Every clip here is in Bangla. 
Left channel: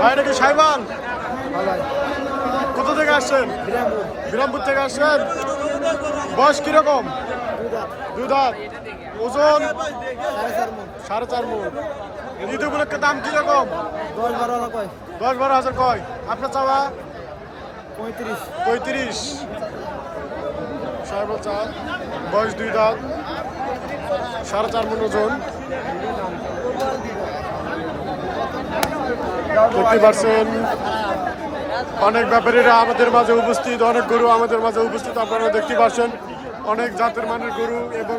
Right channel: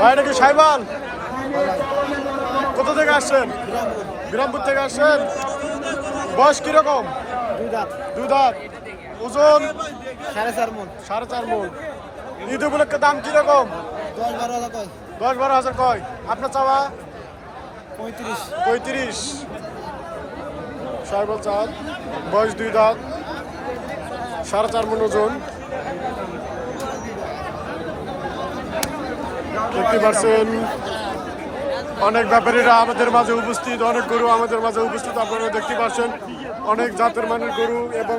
ভাই এটা কি সাইবাল? কোথা থেকে আসছেন? বিরামপুর থেকে আসছেন। বয়স কিরকম? দুই দাঁত। ওজন 4.5 মণ। ঈদ উপলক্ষে দাম কিরকম? 10-12 হাজার কয়? আপনার চাওয়া 35। সাইবাল চাঁদ, বয়স 2 দাঁত, 4.5 মণ ওজন। দেখতে পাচ্ছেন অনেক ব্যাপারীরা আমাদের মাঝে উপস্থিত, অনেক গরু আমাদের মাঝে উপস্থিত। আপনারা দেখতে পাচ্ছেন অনেক জাতের মানের গরু এবং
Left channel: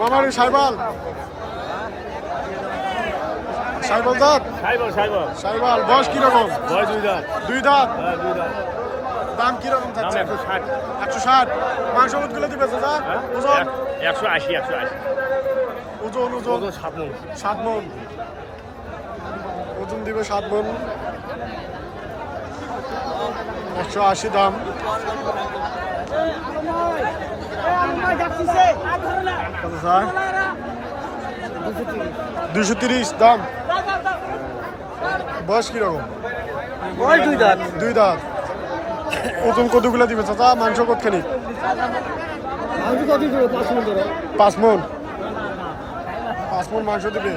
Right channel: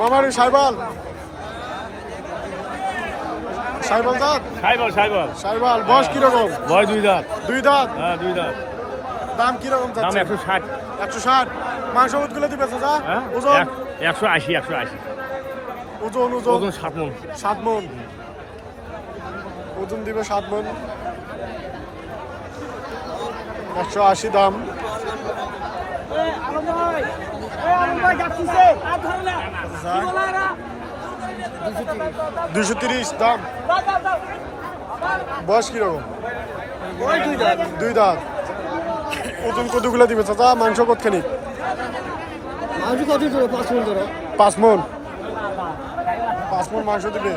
মামার সাইবাল সাইবাল দাঁত সাইবাল। বয়স কিরকম? 2 দাঁত। দাম কিরকম চাচ্ছে? 160। মাংস গুলো দিবে দাদা? ওজন 180। ওজন 7 মণ। ওজন দিবে 7 মণ। 180 দাম। স্যার 230 দাম। বয়স কিরকম? 2 দাঁত। ওজন কতগুলো দিবে চাচা? মাংস কতখানি? 5 মণ। 5 মণ মাংস দিবে।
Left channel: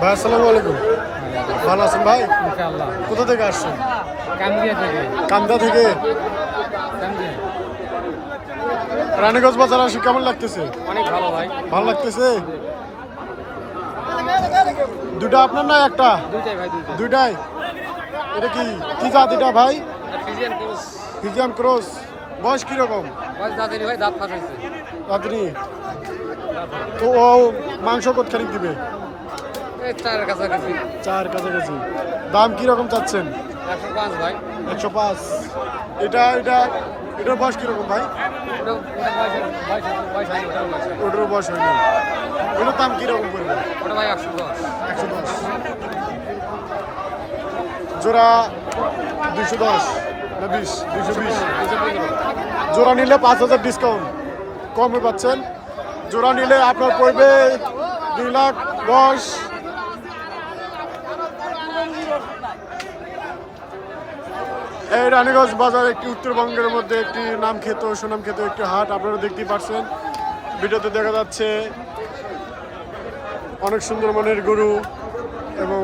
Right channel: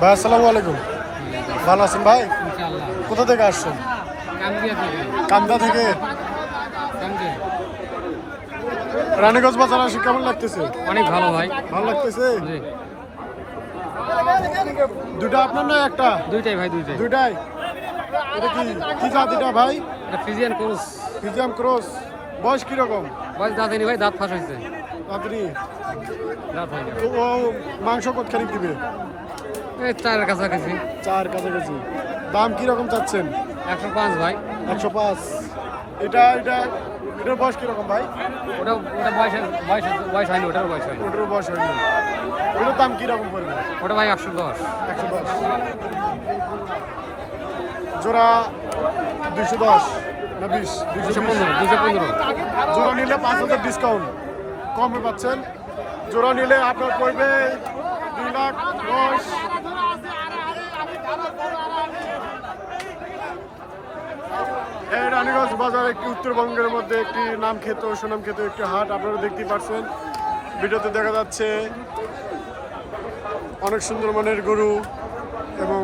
ভাই আসসালামু আলাইকুম। ভালো আছেন ভাই? কোথা থেকে আসছেন? কান্দা থেকে। রানীগঞ্জ বাজার আসি কেমন লাগতেছে? ভালো লাগতেছে। দুটা আপনার না একটা? দুইটাই। এটা কি কি জাত এটা ভাই? Friesian cross. বয়স কিরকম? রাত্রি। ও মাংস কতখানি দিবে? 4 কাছাকাছি। দাম কিরকম চাচ্ছেন? 105। এটার বয়স কিরকম ভাই? ওটারও বয়স হয়নি। এটার দাম কিরকম পড়বে? 110। জোড়া 210 না 220? জোড়া নিলে 5000 ডিসকাউন্ট কমে পাচ্ছেন। জোড়া নিলে আপনার পড়বে 2,10,000। এই রানীগঞ্জ বাজার একটি উত্তরবঙ্গের মধ্যে একটি সুনাম খ্যাত একটি হাট। আপনারা দেখতেই পাচ্ছেন, ভিডিওতে দেখা যাচ্ছে অনেক সুন্দর মানের গরু এবং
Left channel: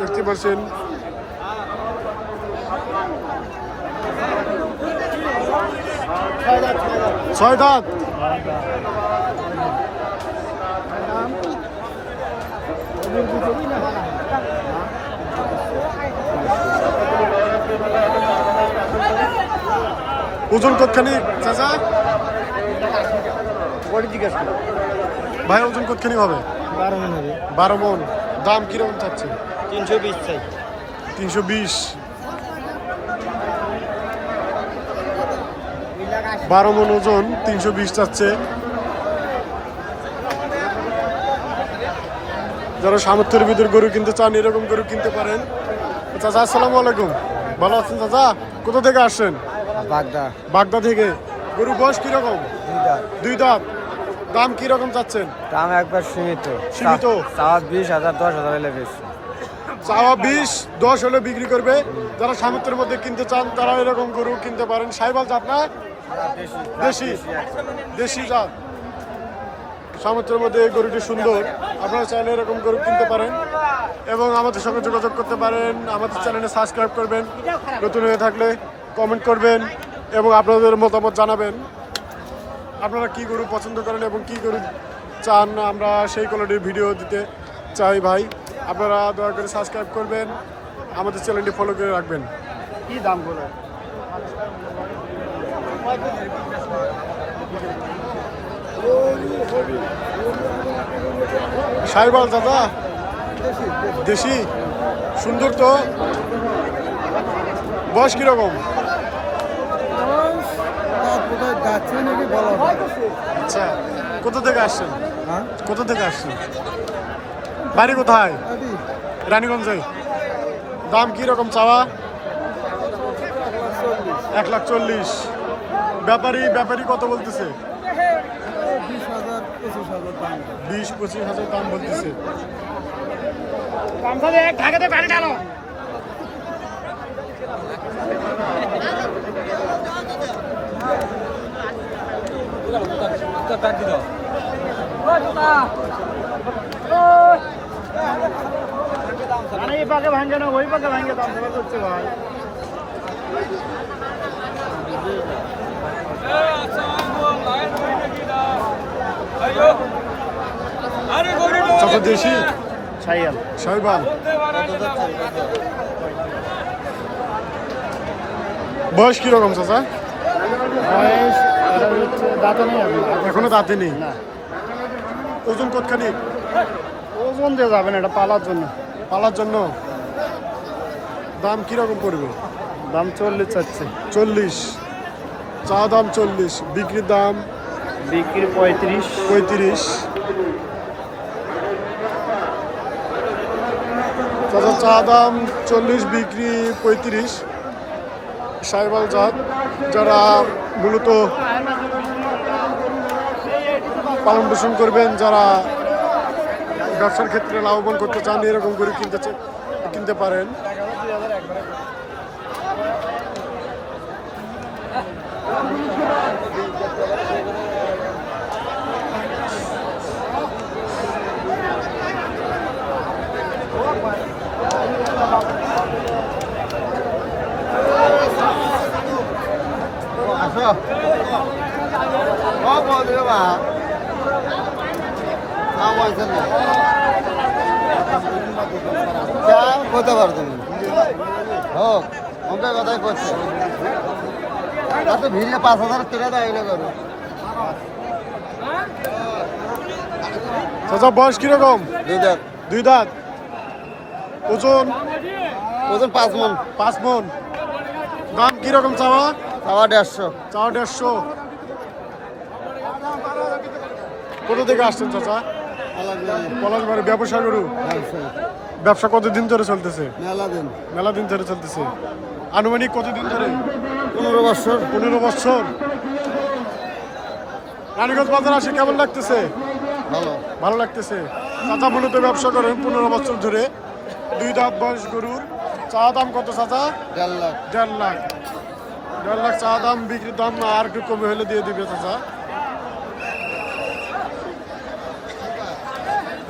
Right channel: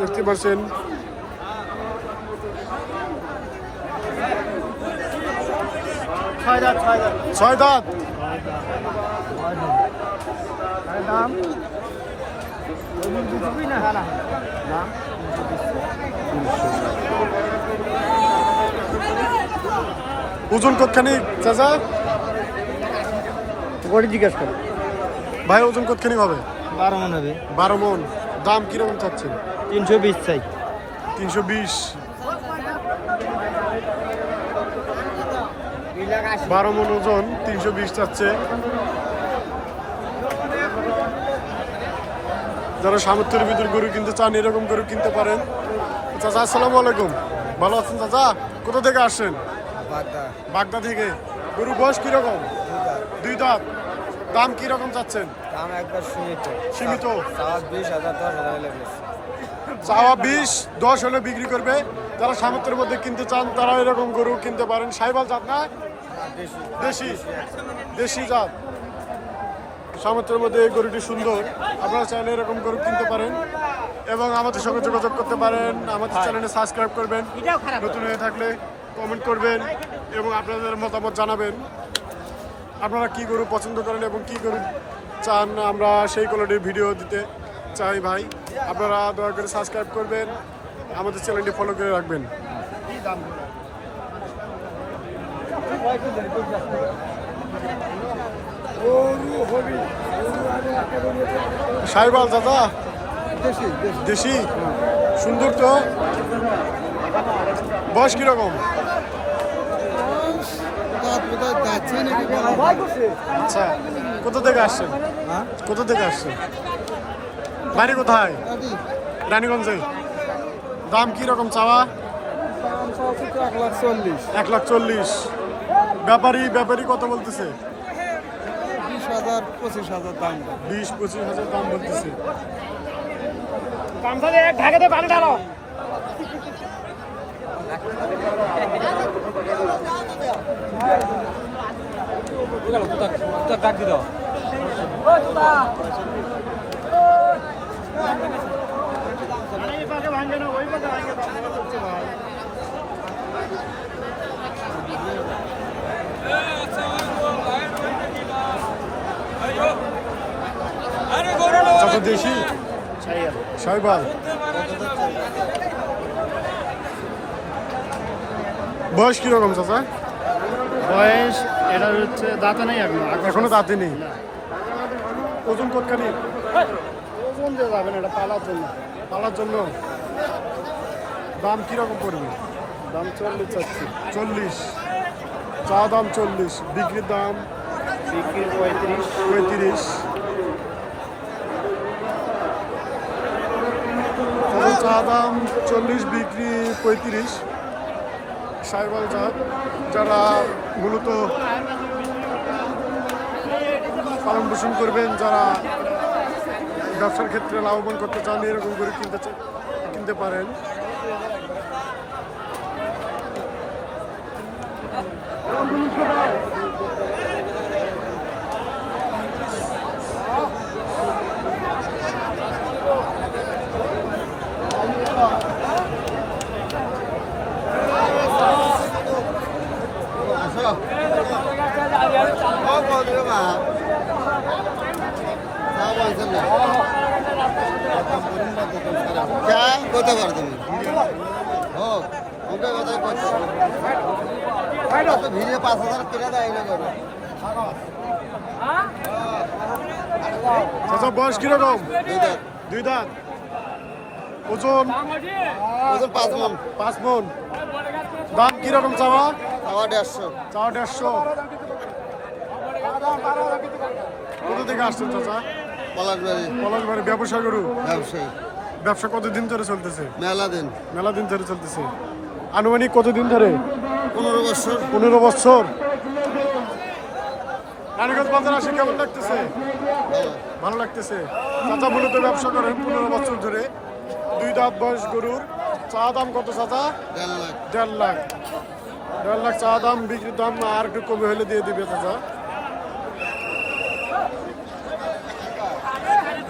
দেখতে পাচ্ছেন ছয় দাঁত। ওজন কতখানি চাচা? ভাই ওজন কতখানি হবে? 12 মণ হবে। 12 মণ। দাম কিরকম চাচ্ছে? 320 চাই। 320। 12 মণ ওজন, 320 চাচ্ছে। যারা সামর্থ্যের ভিতর গরু কিনতে চান এরকম গরু কিনতে পারেন। চাচা আসসালামু আলাইকুম। ভালো আছেন চাচা? কোথা থেকে আসছেন? বাগদা থেকে। গরু বয়স কিরকম? 2 দাঁত। দাম কিরকম চাচ্ছেন? দাম একবার সীমিত। চাওয়া 20,000 10,000 লেগে। চাওয়া 20-10 হলে বিক্রি করবে। যারা সামর্থ্যের মধ্যে কিনতে চান তারা এরকম গরু কিনতে পারেন। সাইবাল জাত না? দেশি জাত। সামর্থ্যের মধ্যে এই গরুটি সুন্দর। আপনারা চাইলে এরকম গরু কিনতে পারেন এবং আমাদের সঙ্গে যোগাযোগ করতে পারেন। আমাদের চ্যানেলে সাবস্ক্রাইব করবেন, নতুন হয়ে থাকলে কমেন্ট করবেন এবং আপনাদের মতামত জানাবেন। আপনারা কি গরু পছন্দ করেন এবং কি গরু চান আমরা সেই কোয়ালিটির ভিডিও দিতে চাই ভাই। আপনারা দয়া করে সাবস্ক্রাইব করবেন, আমাদের চ্যানেলটি ফলো করে রাখবেন। কি দাম বলে সাইবাল দাদা দেশি সুন্দর তো। বয়স কিরকম? যাচ্ছে নাকি বলা যায়। আচ্ছা, কোথা থেকে আসছেন? হ্যাঁ কোথা থেকে আসছেন? বাড়ি কোথায়? রানীগঞ্জে। দাম কি রকম চাওয়া? 1,40,000। ব্যাপারী কত বলতেছে? 20,000 25,000 দাম। 20-25,000 দাম বলতেছে। চাচা দেশি সাইবাল। বয়স কিরকম চাচা? বয়স এটা হচ্ছে দাঁতে নেই এখনো দাঁতে নেই। ওজন কতখানি? ওজন দিয়ে যাবেন এটা পালার জন্য। পালার জন্য দাম কিরকম পড়বে? দাম 40 চাচ্ছে। 40। চা দাম 40, বিক্রির দাম বিক্রি 35। 35। তাদের চা দাম 40, বিক্রি 35। সাইবাল জাত, যারা মূলত পালন পোষণ করবেন, যারা ব্যবসার ক্ষেত্রে লাভবান করতে চান, এরকম করে কিনতে পারেন। কোথা পারো তুমি? ভিড়ে 5,000 কিনে দেয় এগুলো করো। চাচা বয়স কিরকম? 2 দাঁত। ওজন? 5 মণ। 5 মণ। দাম কিরকম চাওয়া? 150। চাওয়া 150। কোথা থেকে আসছেন চাচা? পলাশবাড়ি। ব্যবসা গরু। ব্যবসা কতদিন ধরে চলতেছে? মেলা দিন ধরে চলতেছে। আনুমানিক কতদিন ধরে? 15 বছর। 15 বছর। রানীগঞ্জ বাজার আসে কেমন লাগতেছে? ভালো লাগতেছে। চাচা মূলত ব্যবসা করেন 15 বছর ধরে। 2 দাঁত বয়স গরুর। চা দাম কত চাচা? 1.5 লাখ। 1.5 লাখ। 1.5 লাখ চা দাম। বিক্রির দাম আর একটু কমে হলে দিয়ে দিবে চাচা।